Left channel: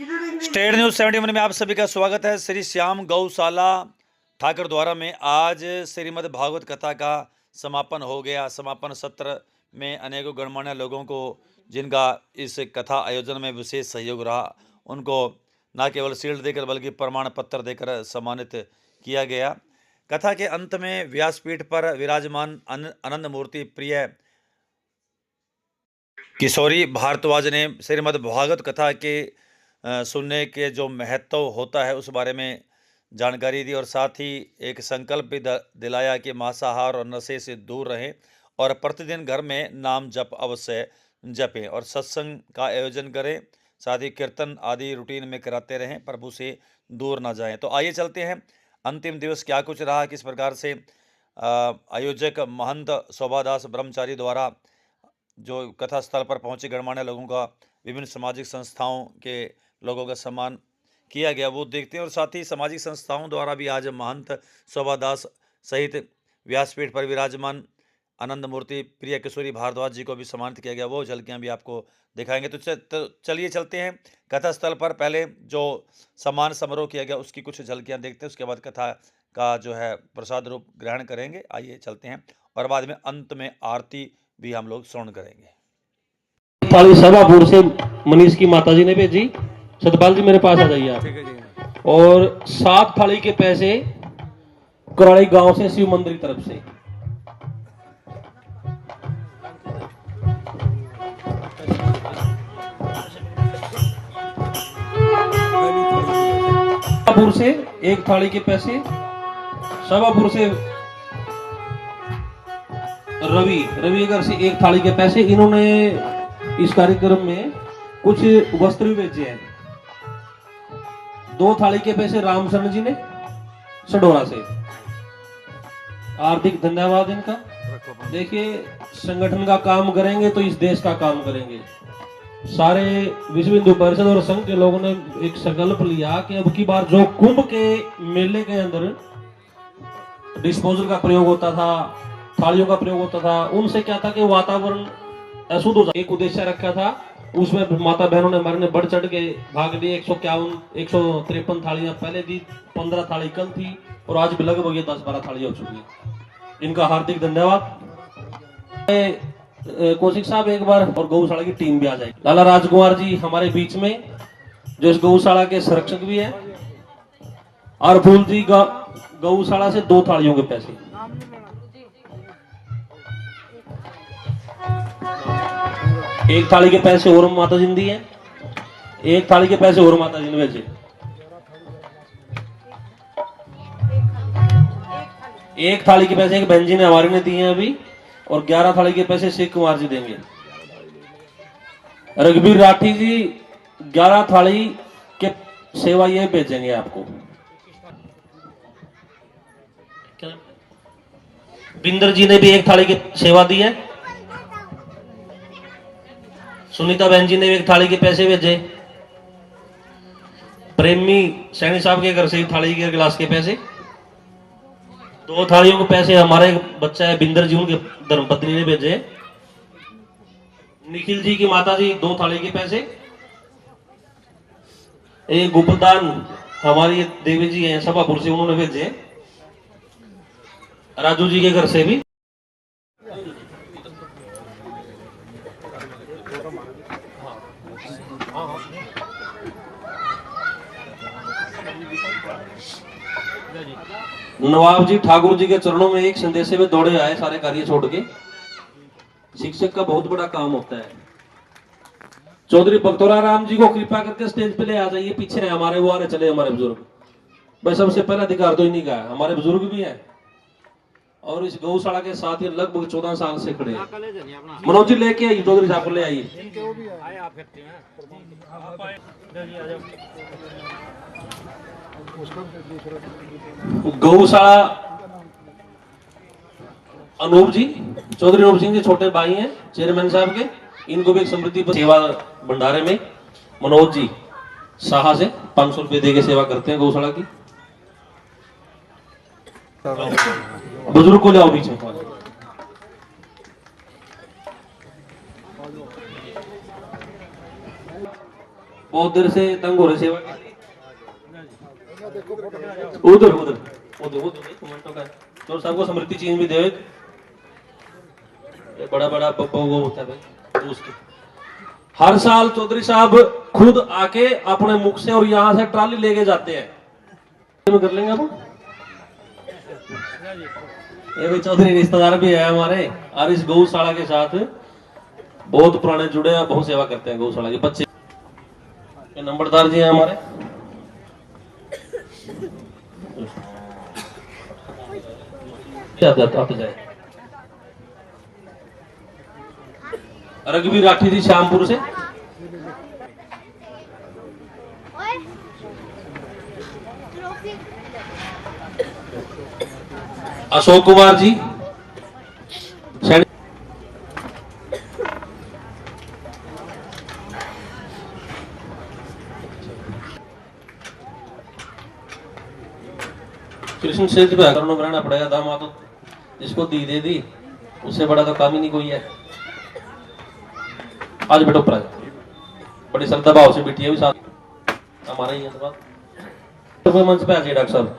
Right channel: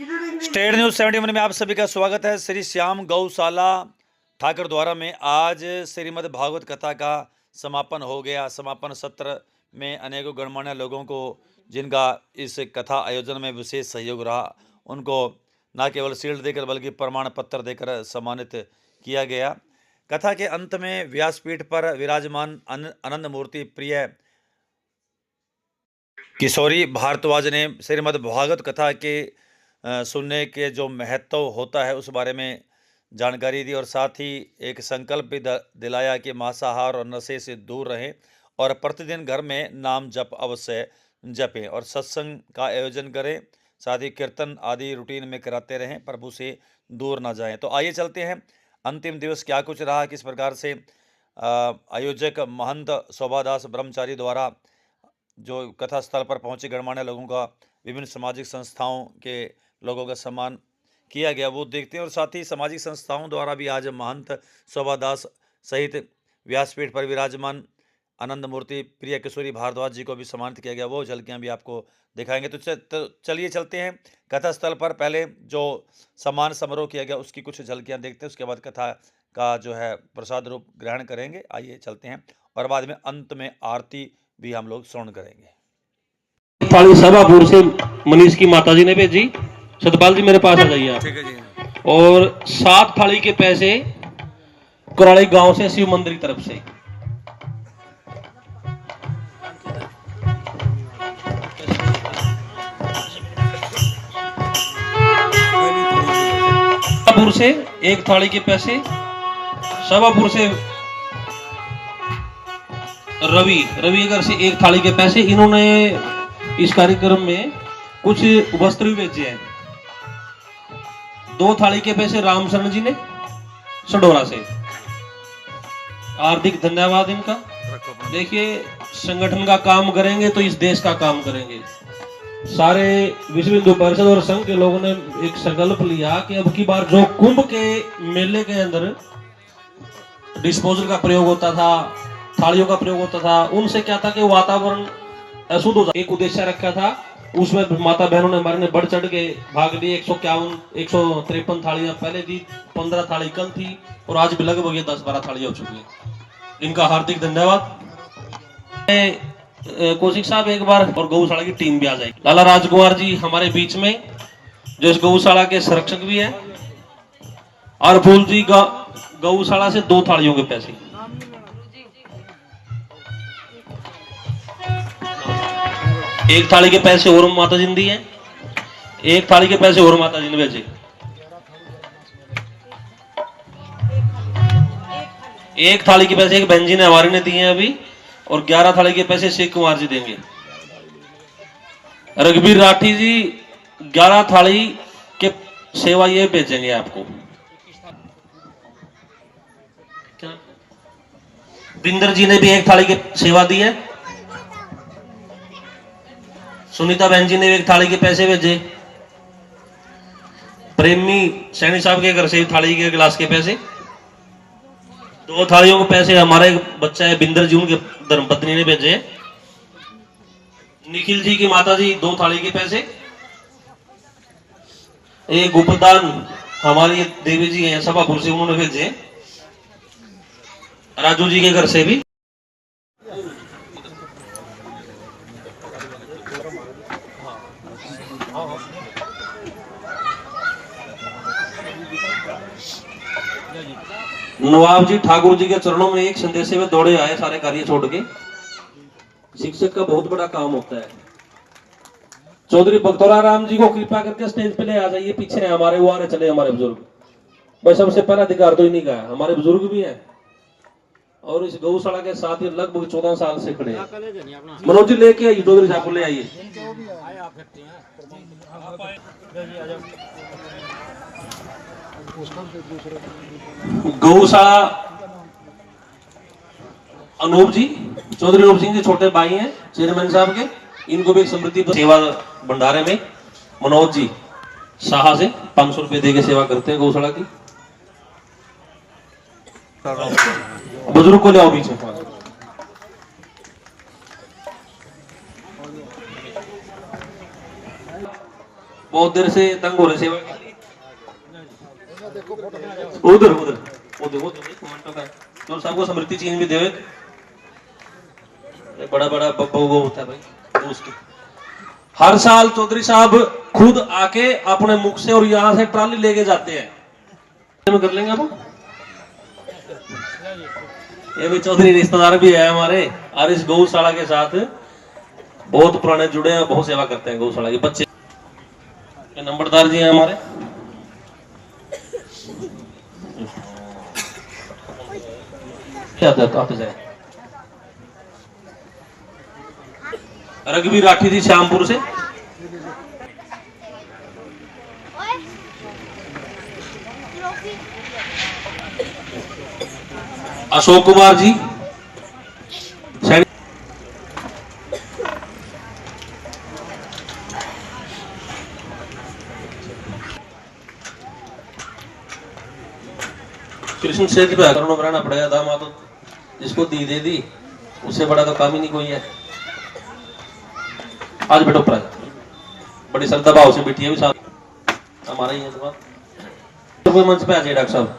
State news 71 में आप सभी का स्वागत है। श्री श्याम गौशाला ठाकर द्वारा में आज श्रीमद् भागवत कथा का समापन हो गया। समापन सत्र में अनेकों गणमान्य लोगों को जिनका इस कथा आयोजन में विशेष सहयोग रहा, उनको न केवल शील्ड देकर बल्कि प्रमाण पत्र देकर सम्मानित किया गया। कथा के अंत में व्यासपीठ पर विराजमान आनंद मूर्ति प्रिय किशोरी भारद्वाज ने श्रीमद् भागवत कथा के सुनने के जो महत्व होता है उस बारे में जानकारी दी और साथ ही एक संकल्प भी दिलाया कि मांसाहार और नशे से दूर रहें और प्रतिदिन घर में नाम जप अवश्य जपें और सत्संग का आयोजन करें, साथ ही कीर्तन आदि रूटीन में कराते रहें, प्रभु से दूर ना जाएं। तो आइए चलते हैं अंतिम दिवस क्या कुछ रहा, किस प्रकार से आयोजक महंत शोभादास ब्रह्मचारी द्वारा जो कथा स्थल पर पहुंचे गणमान्य लोगों का, विभिन्न सामाजिक संस्थाओं के लोगों का सम्मान किया गया, वो देखते हैं। और साथ ही सामाजिक संस्थाओं द्वारा भी आज महंत शोभादास सहित व्यासपीठ पर विराजमान आनंद मूर्ति प्रिय किशोरी भारद्वाज जी को भी सम्मानित किया गया, वो झलकियां भी आपको दिखाएंगे। तो चलिए चलते हैं कथा स्थल पर। पहले जो सम्मान समारोह किया गया उसकी कुछ झलकियां देखते हैं, उसके बाद कथा का जो है प्रसाद रूप ग्रहण करेंगे। आइए चलते हैं और बाद में अंत में आरती भी हम लोग श्रवण करेंगे। थाली सभापुर से मनीष की माताजी ने भेजी। सतपाल जी मेरे पास आ जाइए आप। ठीक है जी। और 7 थाली के पैसे कुराड़ी गांव से शिव मंदिर की तरफ से। सभापुर से 1 थाली के पैसे, सभापुर से रवि अगर से 1 थाली के पैसे। इन्होंने इस कार्यक्रम में कुछ वस्त्र भी भेजे हैं। 2 थाली के पैसे रामशरण जी ने सडोरा से। हार्दिक धन्यवाद इनका। देखिए, संगठन का काम करेंगे तो इस देश का काम करेंगे। सारे विश्व हिंदू परिषद और संघ के लोगों ने एक संकल्प लिया कि अब की बार जो कुंभ के मेले के अंदर डिस्पोजल का प्रयोग होता था, थालियों का प्रयोग होता था, उनसे क्या था कि वातावरण अशुद्ध हो जाए। एक उद्देश्य रखा था, उसमें माता बहनों ने हमारे ने बढ़ चढ़ के भाग लिए। 153 थालियां पहले दी, 15 थाली कल थी और आज भी लगभग ये 10-12 थालियां हो चुकी है। इनका हार्दिक धन्यवाद। कौशिक साहब एक बार और गौशाला की टीम भी आ जाएगी। लाला राजकुमार जी हमारे बीच में, जो इस गौशाला के संरक्षक भी है। और फूल जी गौशाला से 2 थालियों के पैसे। एक थाली के पैसे और माता जी ने दिए, 1 थाली के पैसे और माता जी ने भेजे। 1 थाली के पैसे एक बहन जी ने हमारे ने दिए अभी, और 11 थाली के पैसे शेख कुमार जी देंगे। रघुवीर राठी जी 11 थाली के सेवा ये भेजेंगे आपको। बिंदर जी ने भी 1 थाली की सेवा दी है। सुनीता बहन जी ने 1 थाली के पैसे भेजे। प्रेमी सैनी साहब के घर से थाली के गिलास के पैसे। 2 थालियों के पैसे हमारा एक बच्चा है बिंदर जी, उनके धर्मपत्नी ने भेजे। निखिल जी की माता जी 2 थाली के पैसे। एक गुप्तदान हमारी देवी जी हैं सभापुर से, उन्होंने भेजे। राजू जी के घर से भी। नवाब जी ठाकुर जी के चरणों में एक संदेश में दौड़े आए, सारे कार्य छोड़ के। शिक्षक का बहुत बड़ा काम होता है। चौधरी बख्तौरा राम जी को कृपा करके स्टेज पे ले आ जाइए। पीछे है हमारे, वो आ रहे चले हमारे बुजुर्ग। बस सबसे पहला अधिकार तो इन्हीं का है। हमारे बुजुर्ग भी हैं और इस गौशाला के साथ ही लगभग 14 साल से खड़े हैं। मनोज जी लेके आइए, चौधरी साहब को ले आइए। गौशाला अनूप जी, चौधरी अनूप सिंह जी छोटे भाई हैं चेयरमैन साहब के। इनको भी समृद्धि सेवा भंडारे में मनोज जी शाह से 500 रुपए दे के सेवा करते हैं गौशाला की। बुजुर्ग को ले आओ बीच में। बहुत देर से तंग हो रहे सेवा के लिए। उधर उधर उधर उधर कमेंटों का तो सबको स्मृति चिन्ह भी दे। बड़ा बड़ा बब्बू वो होता है भाई दोस्त। हर साल चौधरी साहब खुद आके अपने मुख से और यहाँ से ट्राली लेके जाते हैं। कर लेंगे आप। ये भी चौधरी रिश्तेदार भी है हमारे और इस गौशाला के साथ बहुत पुराने जुड़े हैं, बहुत सेवा करते हैं गौशाला के बच्चे। ये नंबरदार जी हैं हमारे। आप जाए रघुवीर राठी थी श्यामपुर से। अशोक कुमार जी कृष्ण क्षेत्र पे आकर बनाना पड़ेगा। दामाद जिसको दी दे दी उससे बड़ा तो काम ही नहीं कोई है। आज बैठो पर बड़ी श्रद्धा भाव से बैठी है भी साथ हमारा ही है तो कोई मंच पे आ जाइए डॉक्टर साहब।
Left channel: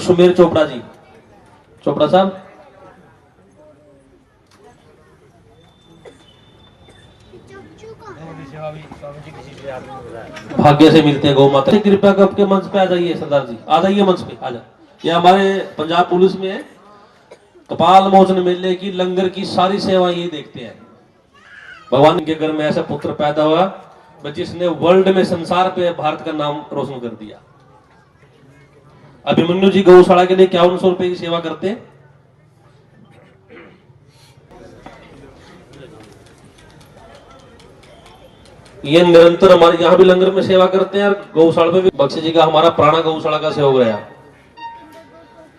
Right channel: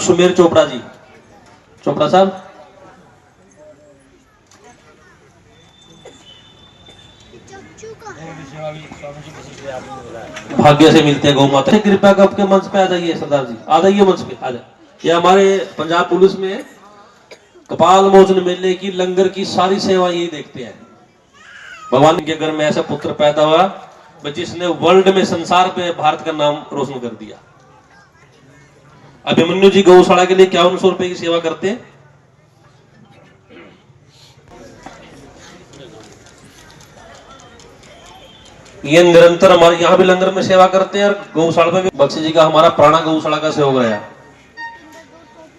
सुमेर चोपड़ा जी, चोपड़ा साहब। भाग्य से मिलते हैं गौ माता। कृपया करके मंच पे आ जाइए सरदार जी, आ जाइए मंच पे आ जाए। ये हमारे पंजाब पुलिस में कपाल मोचन मेले की लंगर की सारी सेवा यही देखते हैं। भगवान के घर में ऐसा पुत्र पैदा हुआ जिसने वर्ल्ड में संसार पे भारत का नाम रोशन कर दिया। अभिमन्यु जी गौशाला के लिए 5100 रुपए की सेवा करते हैं। ये निरंतर हमारे यहाँ भी लंगर में सेवा करते हैं और गौशाला में भी। बख्शी जी का हमारा पुराना गौशाला का सहयोग है।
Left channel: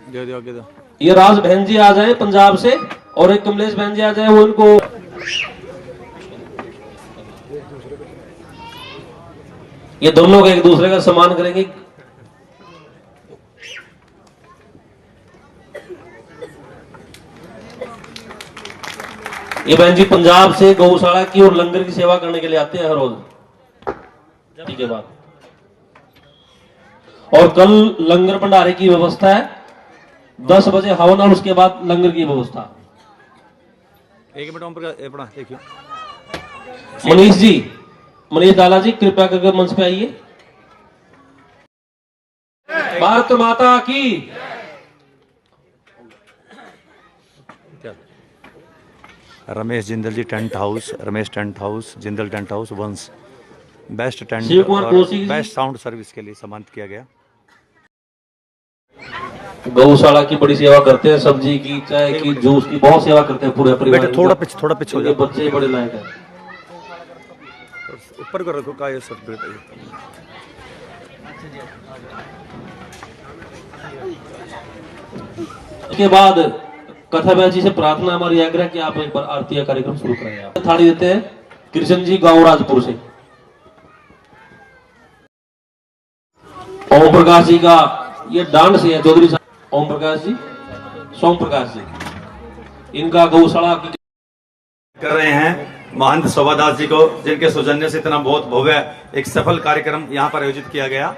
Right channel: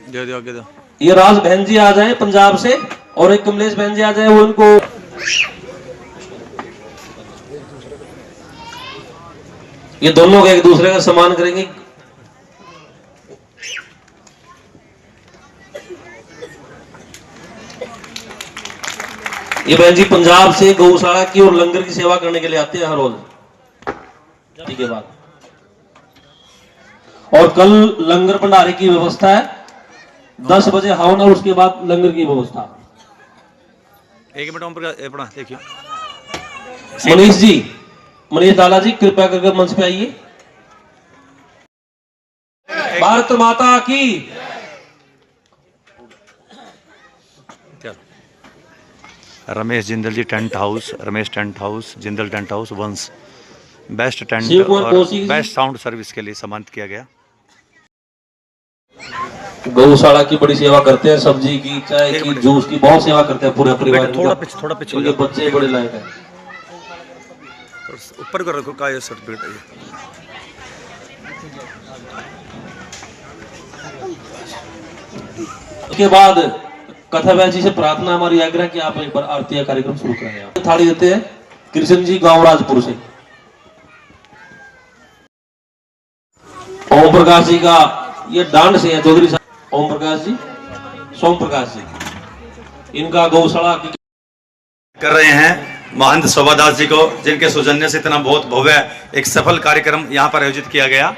दो। ये राज बहन जी आ जाए पंजाब से और एक कमलेश बहन जी आ जाए, वो इनको ये दोनों का एक दूसरे का सम्मान करेंगे। ये बहन जी पंजाब से गौशाला की और लंगर की सेवा करने के लिए आते हैं हर रोज के बाद। और कल लंगर भंडारे की व्यवस्था है, 10 बजे हवन और उसके बाद लंगर की व्यवस्था। एक मिनट अपना देखियो मनीष जी, मनीष डाला जी कृपया करके मंच पे आइए। भारत माता की। Ramesh Jindal ji tent house, Ramesh tent house, Jindal tent house Vansh best tent और बेस्ट साउंड सर्विस के लिए सम्मानित किया गया। गौशाला की बड़ी सेवा करते हैं, सब्जी की, चाय की, जूस की बहुत सेवा करते हैं पूरे परिवार। थोड़ा पीछे ये बच्चे बड़े लायक हैं। ऊपर कर रखो का ये सर्टिफिकेट है। इसके बाद कथा व्यास जी से प्रार्थना हमारी आग्रह कि आप एक बार आरती का कार्यक्रम शुरू करें। थाली देते हैं कृष्ण जी गांव राजपुर से। ओम प्रकाश जी का ये डांस है चौधरी साहब। ओम प्रकाश जी, सोम प्रकाश जी, इनका गौशाला कर रहे हैं महंत शोभादास जी को, जिनके सौजन्य से इतना बहुत भव्य एक सफल कार्यक्रम यहाँ पर आयोजित किया गया।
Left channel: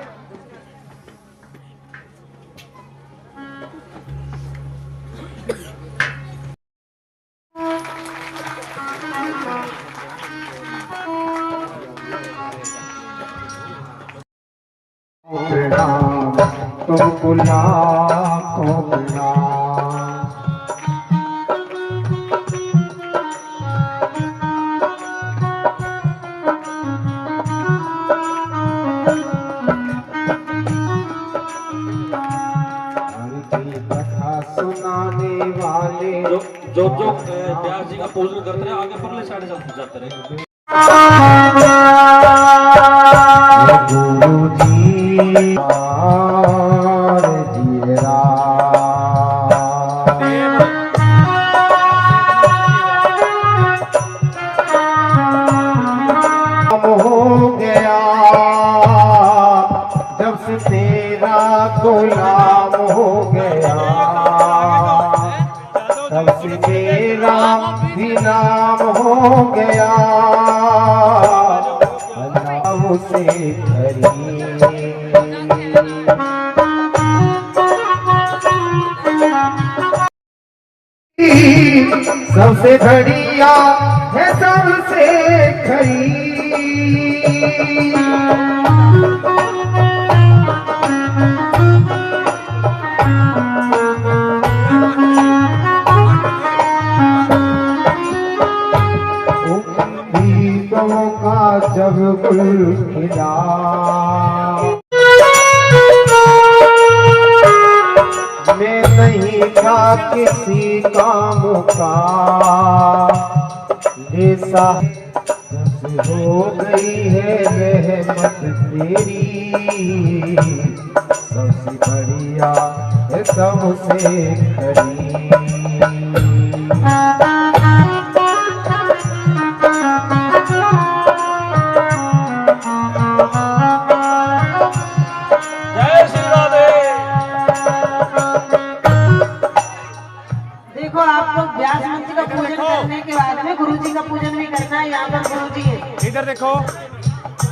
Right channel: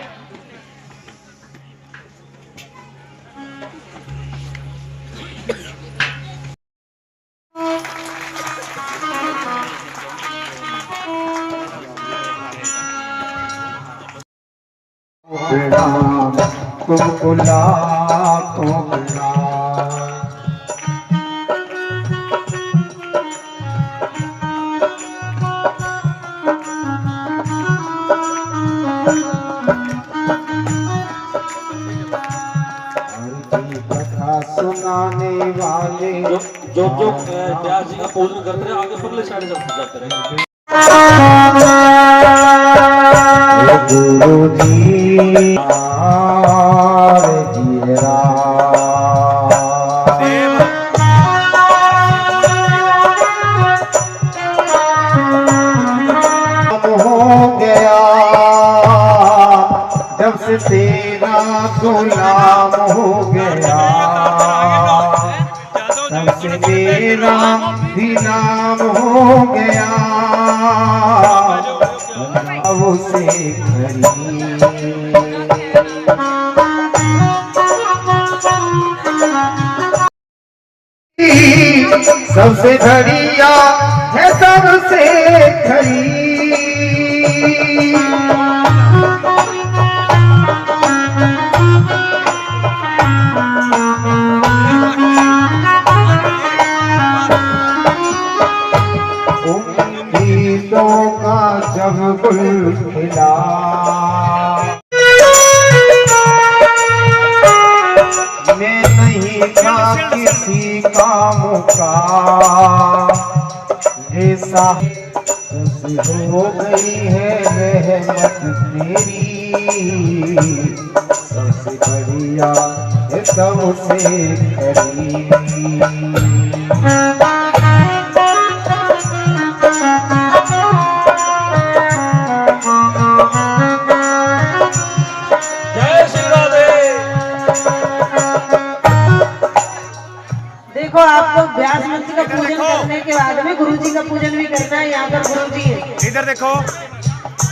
तुमको लाखों प्रणाम। सुनाने वाले जो व्यास जी का पूजन करते हैं आगे फिर साइड से जाते रहे। गुरु जी हो गया जब से तेरा गुलाम हो गया। मेरा भी नाम हो गया उसे खरी सबसे घड़िया है सबसे खरी उम्मीदों का जब गुल खिला मैं नहीं था किसी काम का जैसा हो गई है रहमत तेरी सबसे बढ़िया है सबसे खरी देखो आपको व्यास मंत्री का पूजन करने के बाद में गुरु जी का पूजन भी करना है। यहाँ पर गुरु जी है, इधर देखो,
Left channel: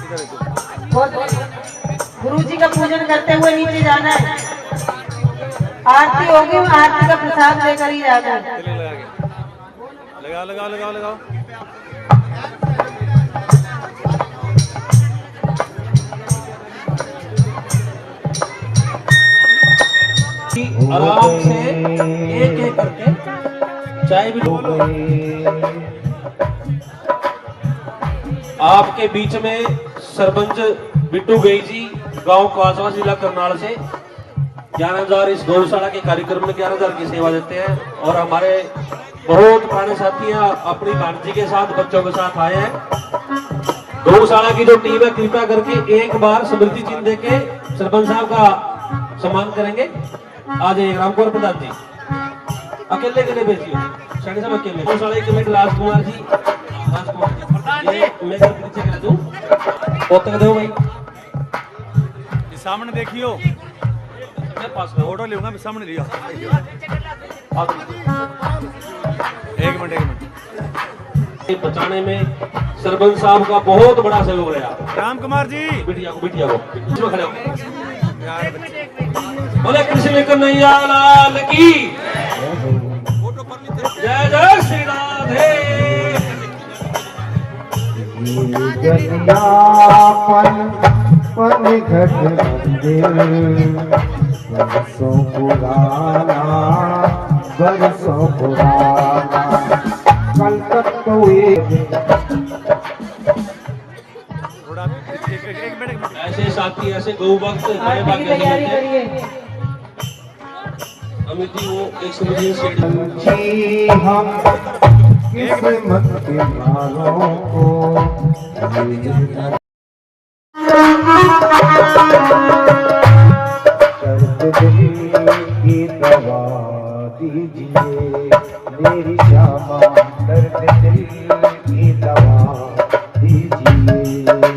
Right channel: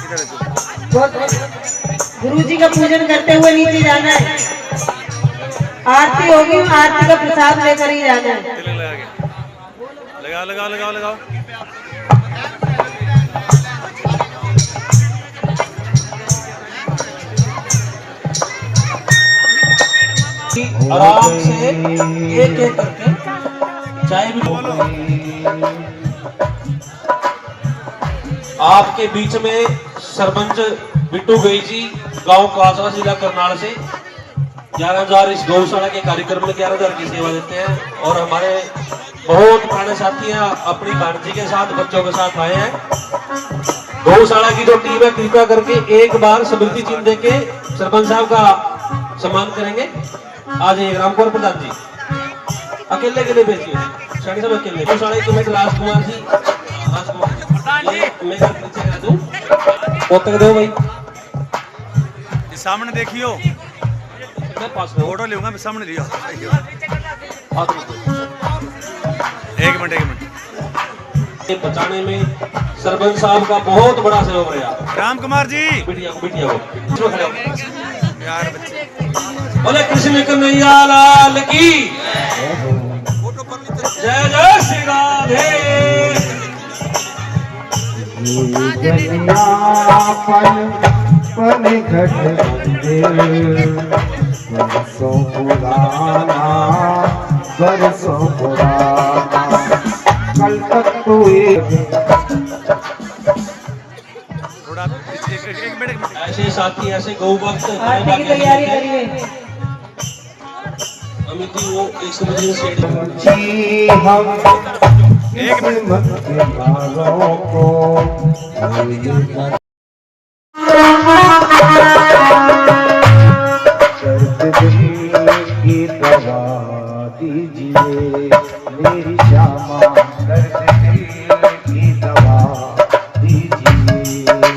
इधर देखो। गुरु जी का पूजन करते हुए नीचे जाना है। आरती होगी, आरती का प्रसाद लेकर ही जाना है। तिलक लगा के लगाओ लगाओ लगाओ लगाओ। आराम से एक एक करके चाय भी बोलो। आपके बीच में सरपंच बिट्टू गई जी गांव कासवा जिला करनाल से 11,000 इस गौशाला के कार्यक्रम में 11,000 की सेवा देते हैं और हमारे बहुत पुराने साथियां अपनी भांजी के साथ बच्चों के साथ आए हैं। गौशाला की जो टीम है कृपया करके एक बार स्मृति चिन्ह देके सरपंच साहब का सम्मान करेंगे। आज एक रामकुमार प्रधान जी अकेले के लिए भेजिए, साढ़े सब अकेले गौशाला की कमेटी राजकुमार जी ये मैं पीछे करा दूं पोतक दो भाई सामने देखियो, मैं पास फोटो लूंगा मैं सामने लिया। एक मिनट ये बचाने में सरपंच साहब का बहुत बड़ा सहयोग रहा। राम कुमार जी बिटिया को यार बच्चे बोले कृष्ण कन्हैया लाल की जय जय श्री राधे। पन पन घट बरसों पुराना कल तक तो थोड़ा एक मिनट ऐसे साथी ऐसे गौ भक्त आरती की तैयारी करिए। अमित जी वो 120 से जी हम किस्मत के लालों को दर्द दिल की दवा दीजिए मेरी श्यामा दर्द दिल की दवा दीजिए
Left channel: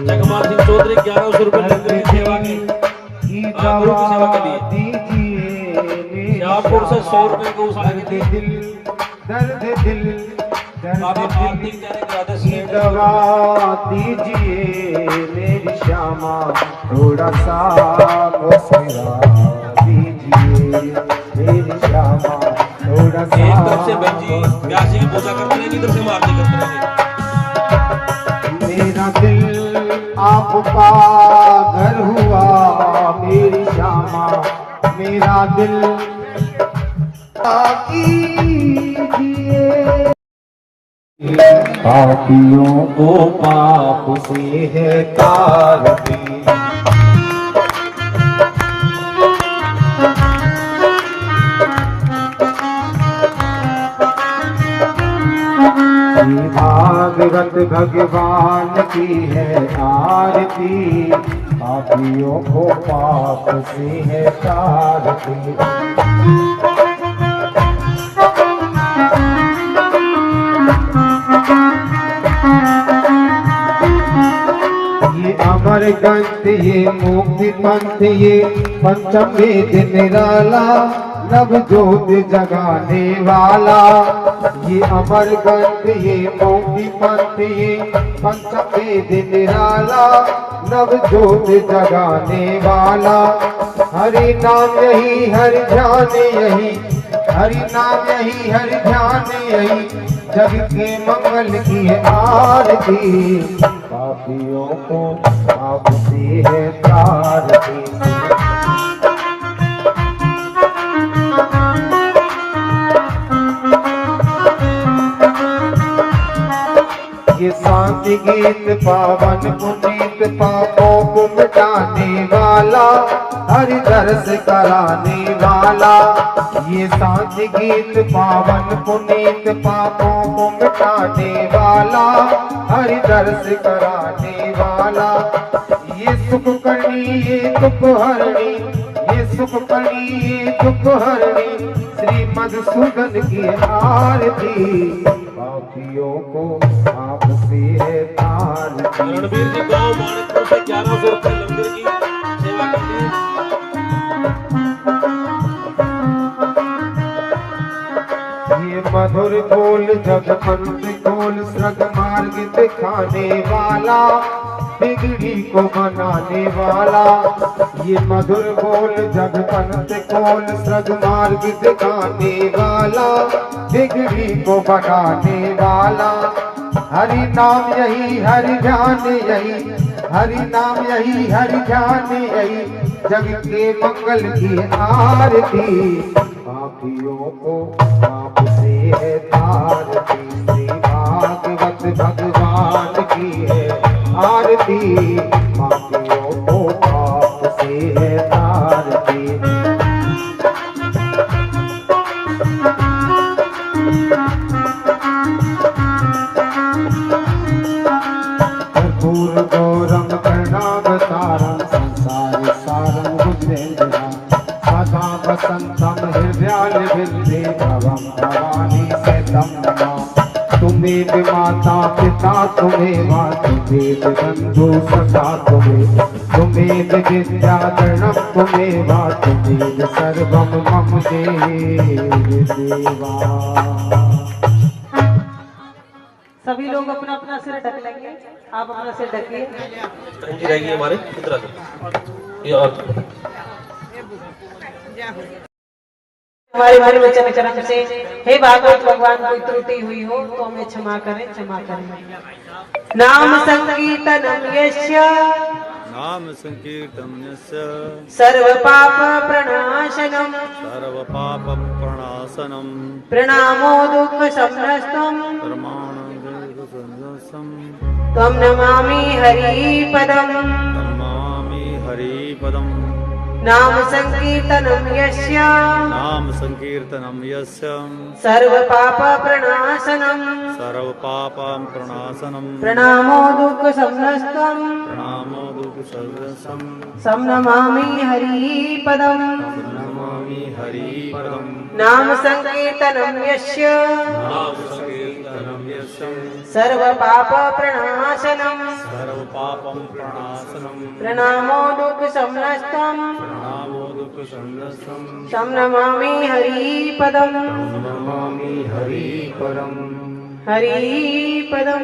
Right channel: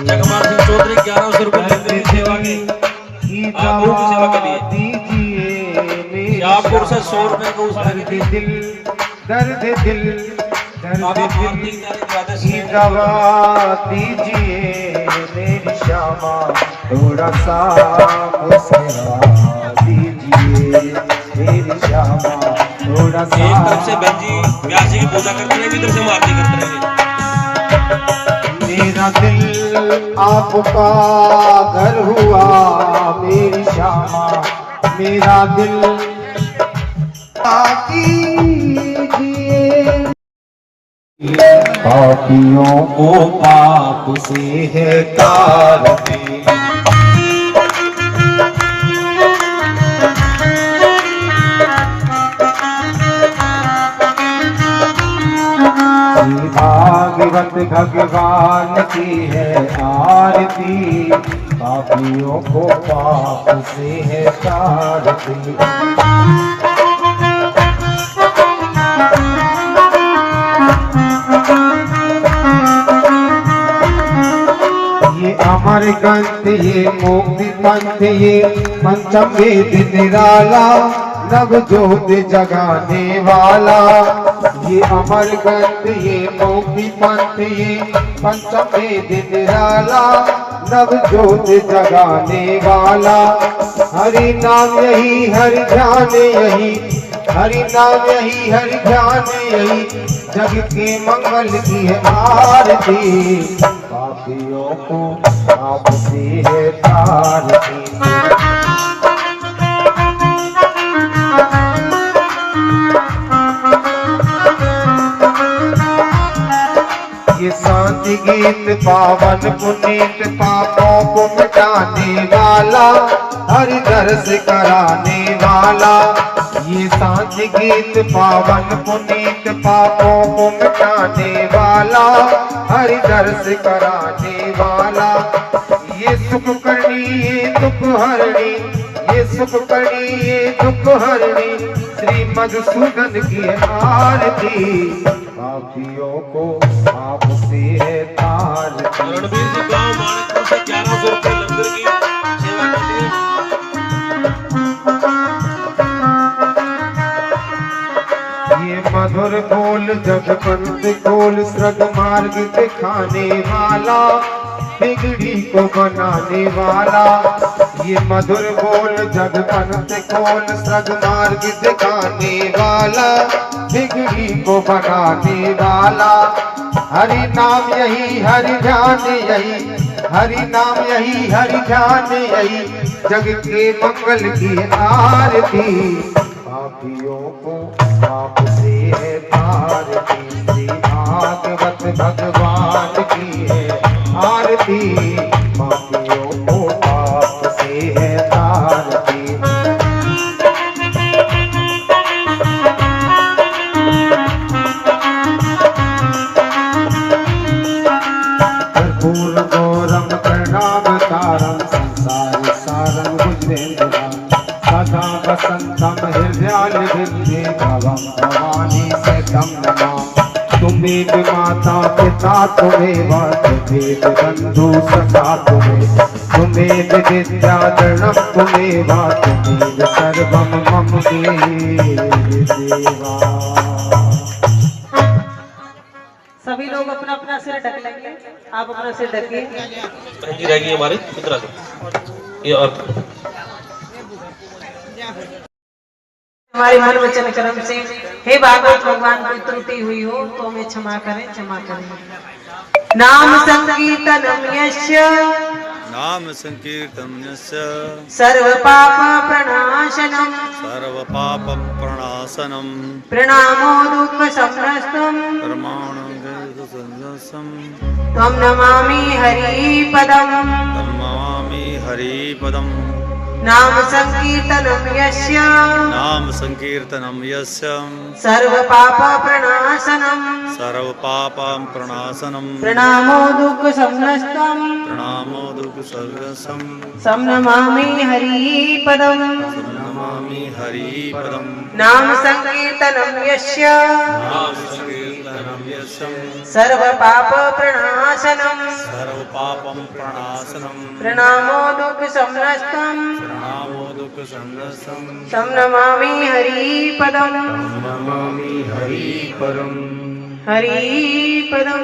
जगमाल सिंह चौधरी 1100 रुपए लंगर की सेवा की गुरु की सेवा के लिए दीजिए शाहपुर से 100 रुपए गौशाला की थी। दिल दर्द दिल बाबा आरती जाने के बाद की दवा दीजिए मेरी श्यामा थोड़ा सा मुस्कुरा दीजिए मेरी श्यामा थोड़ा सा। एक तरफ से बहन जी व्यास जी की पूजा करते रहे, इधर से आरती करते रहे। मेरा दिल आपका घर हुआ मेरी श्यामा मेरा दिल पापियों को पाप से है तारते भागवत भगवान की है आरती पापियों को पाप से है तारती। ये अमर ग्रंथ ये मुक्ति पंथ ये पंचम वेद निराला नव ज्योत जगाने वाला ये अमर ग्रंथ ये मौखी पंथ ये पंचमे दिन निराला नव ज्योत जगाने वाला। हरि नाम यही हरि ध्यान यही हरि नाम यही हरि ध्यान यही जग के मंगल की है आरती। पापियों को आपसे है तारती। ये शांति गीत पावन पुनीत पापों को मिटाने वाला हरि दर्श कराने वाला। ये शांति गीत पावन पुनीत पापों को मिटाने वाला हरि दर्श कराने वाला। ये सुख करनी ये दुख हरणी ये सुख करनी ये दुख हरणी श्री मधुसूदन की आरती। पापियों को आपसे है तारती। रणबीर जी गाँव मानकपुर से 1100 रुपये लंगर की सेवा करते हैं। ये मधुर बोल जगपंत खोल स्वर्ग मार्ग दिखाने वाला बिगड़ी को बनाने वाला। ये मधुर बोल जगपंत खोल स्वर्ग मार्ग दिखाने वाला बिगड़ी को बनाने वाला। हरि नाम यही हरि ध्यान यही हरि नाम यही हरि ध्यान यही जग के मंगल की आरती। पापियों को आपसे है तारती। श्री भागवत भगवान की है आरती। पापियों को आपसे है तारती। कर्पूर गौरम करुणावतारम संसार सारम बुद्धेन्द्रम सदा वसंतम हृदयालभिन्ने भवं भवानी सहितं नमामि। तुम्हें माता पिता तुम्हें तुम्हें बंधु सखा तुम्हें विद्या धर्म तुम्हें तुम्हें सर्वम मम देवा। सभी लोग अपना अपना सिर ढक लेंगे। आप अपना सिर ढकिए। बहन जी रहेगी हमारे कितना ये और हमारे मन वचन कर्म से हे भागवत भगवान कोई त्रुटि हुई हो तो हमें क्षमा करें क्षमा करें। नाम संकीर्तनम यस्य नाम संकीर्तनस्य सर्व पाप प्रणाशनम प्रणामो दुःख संनस्तम त्वं नमामि हरिपदम्। नाम संकीर्तनम यस्य सर्व पाप प्रणाशनम प्रणामो दुःख संनस्तम तं नमामि हरिपदम्। नाम संकीर्तनम यस्य सर्व पाप प्रणाशनम प्रणामो दुःख संनस्तम तं नमामि हरिपदम्। हरिपदम्।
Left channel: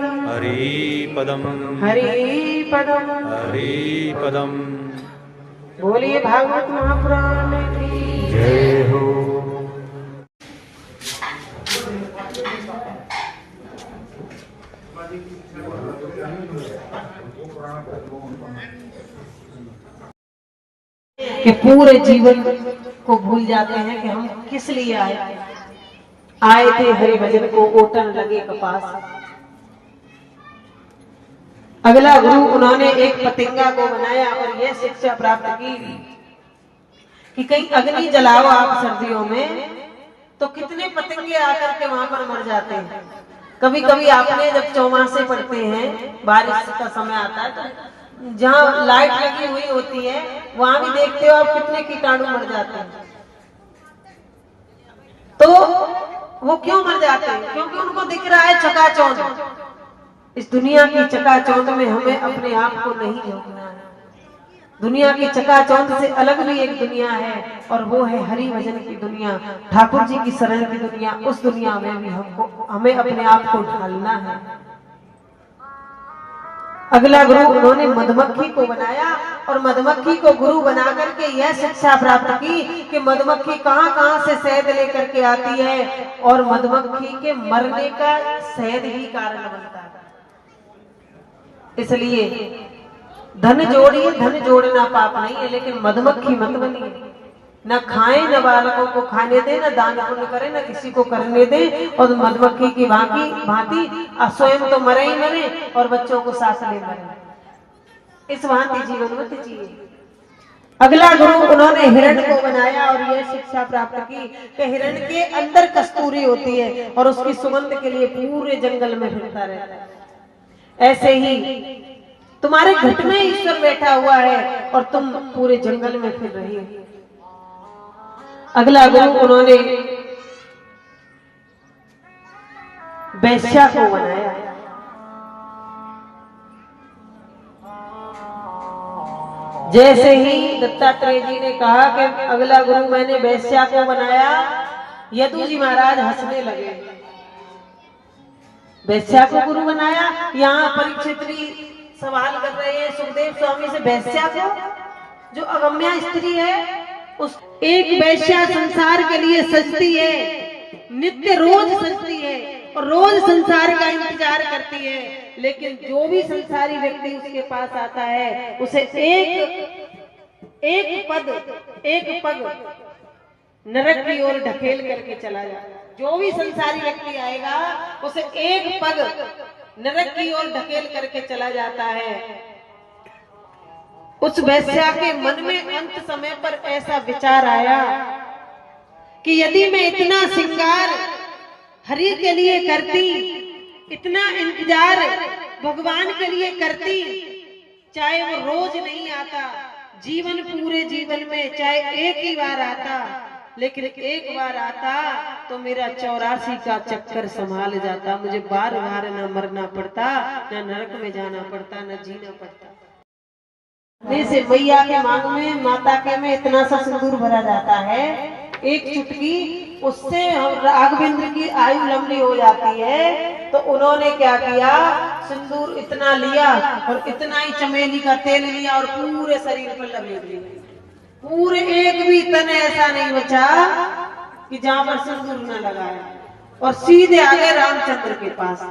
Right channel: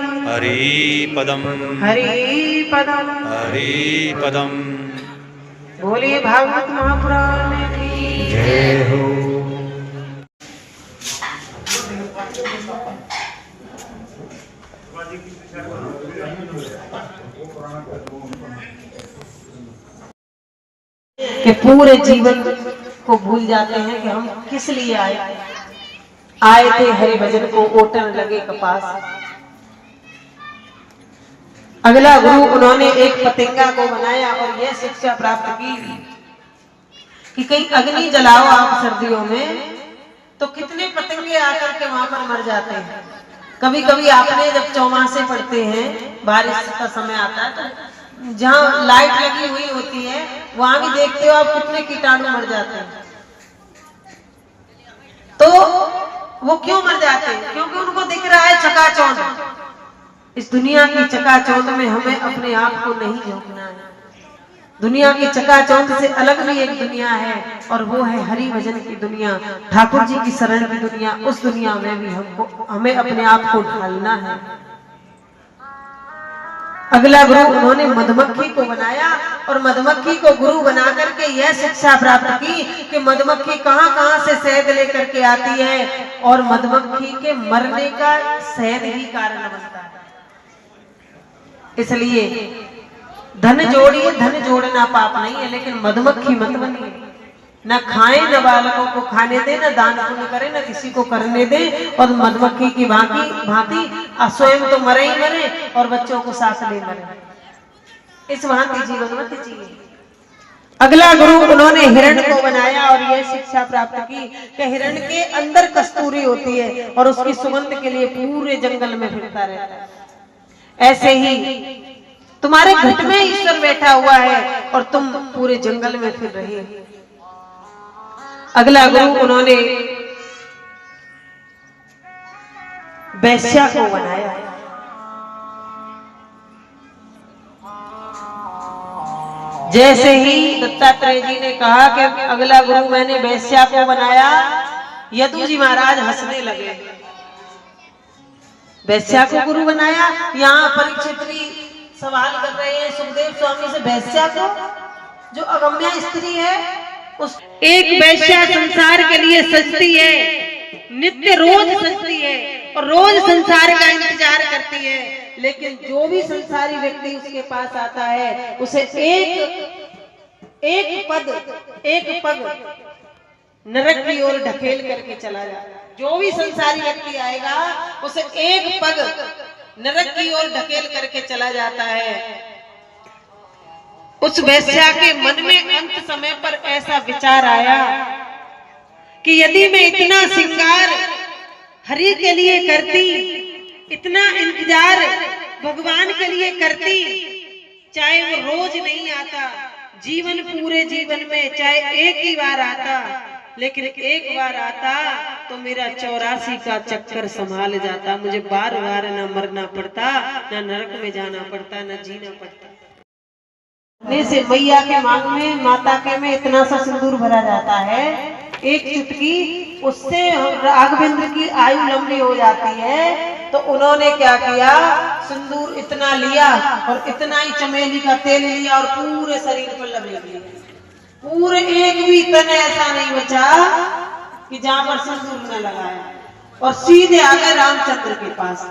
बोलिए भागवत महापुराण की जय हो। कि पूरे जीवन को भूल जाते हैं कि हम किस लिए आए थे हरि भजन को ओटन लगे कपास। अगला गुरु उन्होंने एक पतंगा को बनाया और यह शिक्षा प्राप्त की कि कहीं अग्नि जलाओ आप सर्दियों में तो कितने पतंगे आकर के वहां पर मर जाते हैं। कभी कभी आपने जब चौमासे पड़ते हैं बारिश का समय आता है तो जहाँ लाइट लगी हुई होती है वहां भी देखते हो आप कितने कीटाणु मर जाते हैं। तो वो क्यों मर जाते हैं? क्योंकि उनको दिख रहा है चकाचौंध। इस दुनिया की चकाचौंध में हमें अपने आप को नहीं झोंकना है। दुनिया की चकाचौंध से अलग भी एक दुनिया है और वो है हरि भजन की दुनिया, ठाकुर जी की शरण की दुनिया। उस दुनिया में भी हमें अपने आप को ढालना है। अगला गुरु उन्होंने मधुमक्खी को बनाया और मधुमक्खी को गुरु बना करके यह शिक्षा प्राप्त की कि मधुमक्खी कहां कहां से शहद लेकर के आती है और मधुमक्खी के मरने का शहद ही कारण बनता है। इसलिए धन जोड़िए, धन जोड़ना पाप नहीं है, लेकिन मधुमक्खी मत बनिए। न खाए, न बालकों को खाने दे, न दान पुण्य करे, न किसी को करने दे, और मधुमक्खी की भांति स्वयं तो मरे ही मरे और बच्चों को सास ले मरे। इस भांति जीवन मत जिए। अगला गुरु उन्होंने हिरण को बनाया और यह शिक्षा प्राप्त की कि हिरण के अंदर कस्तूरी होती है और उसकी सुगंध के लिए पूरे जंगल में फिरता रहता है। ऐसे ही तुम्हारे घट में ईश्वर बैठा हुआ है और तुम पूरे जंगल में फिर रहे हो। अगला गुरु उन्होंने वैश्या को बनाया। जैसे ही दत्तात्रेय जी ने कहा कि अगला गुरु मैंने वैश्या को बनाया, यदु जी महाराज हंसने लगे। वैश्या को गुरु बनाया। यहाँ परीक्षित भी सवाल कर रहे हैं सुखदेव स्वामी से, वैश्या को जो अगम्या स्त्री है, उस एक वैश्या संसार के लिए सजती है, नित्य रोज सजती है और रोज संसार का इंतजार करती है, लेकिन जो भी संसारी व्यक्ति उसके पास आता है उसे एक पग नरक की ओर ढकेल करके चला जाता है। जो भी संसारी व्यक्ति आएगा उसे एक पग नरक की ओर ढकेल करके चला जाता है। उस वैश्या के मन में अंत समय पर ऐसा विचार आया कि यदि मैं इतना श्रृंगार हरि के लिए करती, इतना इंतजार भगवान के लिए करती, चाहे वो रोज नहीं आता, जीवन पूरे जीवन में चाहे एक ही बार आता, लेकिन एक बार आता तो मेरा 84 का चक्कर संभाल जाता, मुझे बार बार ना मरना पड़ता, ना नरक में जाना पड़ता, ना जीना पड़ता। से मैया के मांग में, माता के में इतना सा सिंदूर भरा जाता है, एक चुटकी, उससे राघवेंद्र की आयु लंबी हो जाती है। तो उन्होंने क्या किया, सिंदूर इतना लिया और इतना ही चमेली का तेल लिया और पूरे शरीर पर लपेट लिया। पूरे एक भी तन ऐसा नहीं बचा कि जहां पर सिंदूर न लगाया, और सीधे आ गए रामचंद्र के पास।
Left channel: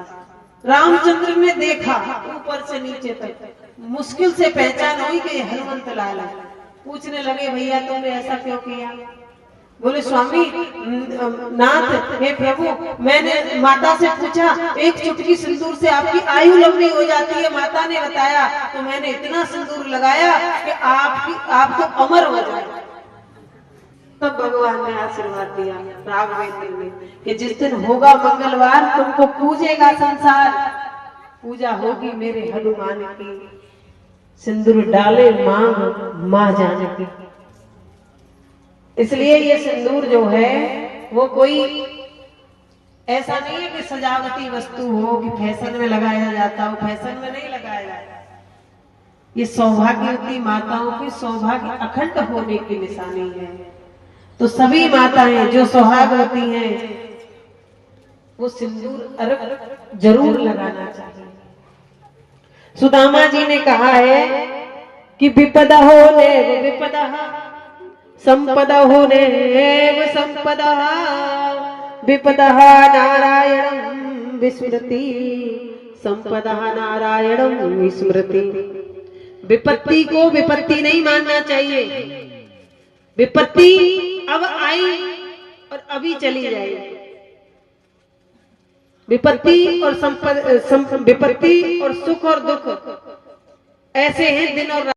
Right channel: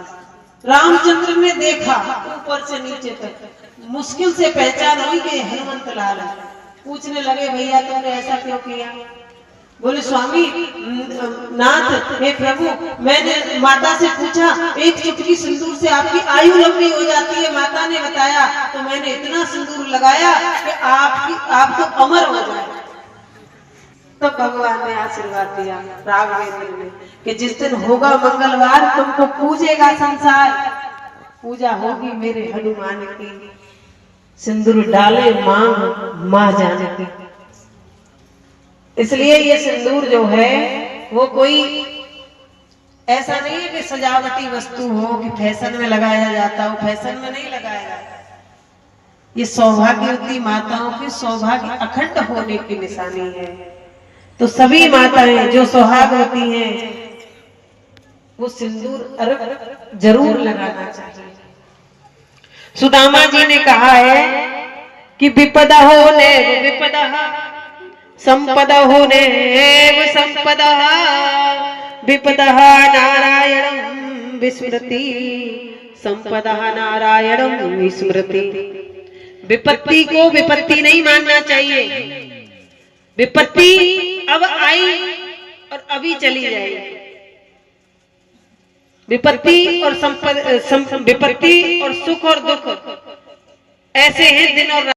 रामचंद्र ने देखा ऊपर से नीचे तक, मुश्किल से पहचान हुई कि हनुमंत लाल है। पूछने लगे, भैया तुमने ऐसा क्यों किया? बोले, स्वामी नाथ, हे प्रभु, मैंने माता से पूछा एक चुटकी सिंदूर से आपकी आयु लंबी हो जाती है, माता ने बताया, तो मैंने इतना सिंदूर लगाया कि आप तो अमर हो जाए। तब तो भगवान ने आशीर्वाद दिया राघवेंद्र ने कि जिस दिन होगा मंगलवार, तुमको पूजेगा संसार, पूजा होगी मेरे हनुमान की, सिंदूर डाले मांग मां जानकी। इसलिए ये सिंदूर जो है वो कोई ऐसा नहीं है कि सजावटी वस्तु हो कि फैशन में लगाया जाता हो, फैशन में नहीं लगाया जाता। ये सौभाग्यवती माताओं के सौभाग्य अखंड होने की निशानी है। तो सभी माताएं जो सौभाग्यवती हैं वो सिंदूर जरूर लगाना चाहिए। सुदामा जी ने कहा है कि विपदा होने विपदा, संपदा होने संपदा, विपदा नारायणं विस्मृति, संपदा नारायणं विस्मृति। विपत्ति को विपत्ति नहीं मानना चाहिए। विपत्ति अब आई और अभी चली जाएगी। विपत्ति और विपत्ति और सुख और दुख ऐसे हैं दिन और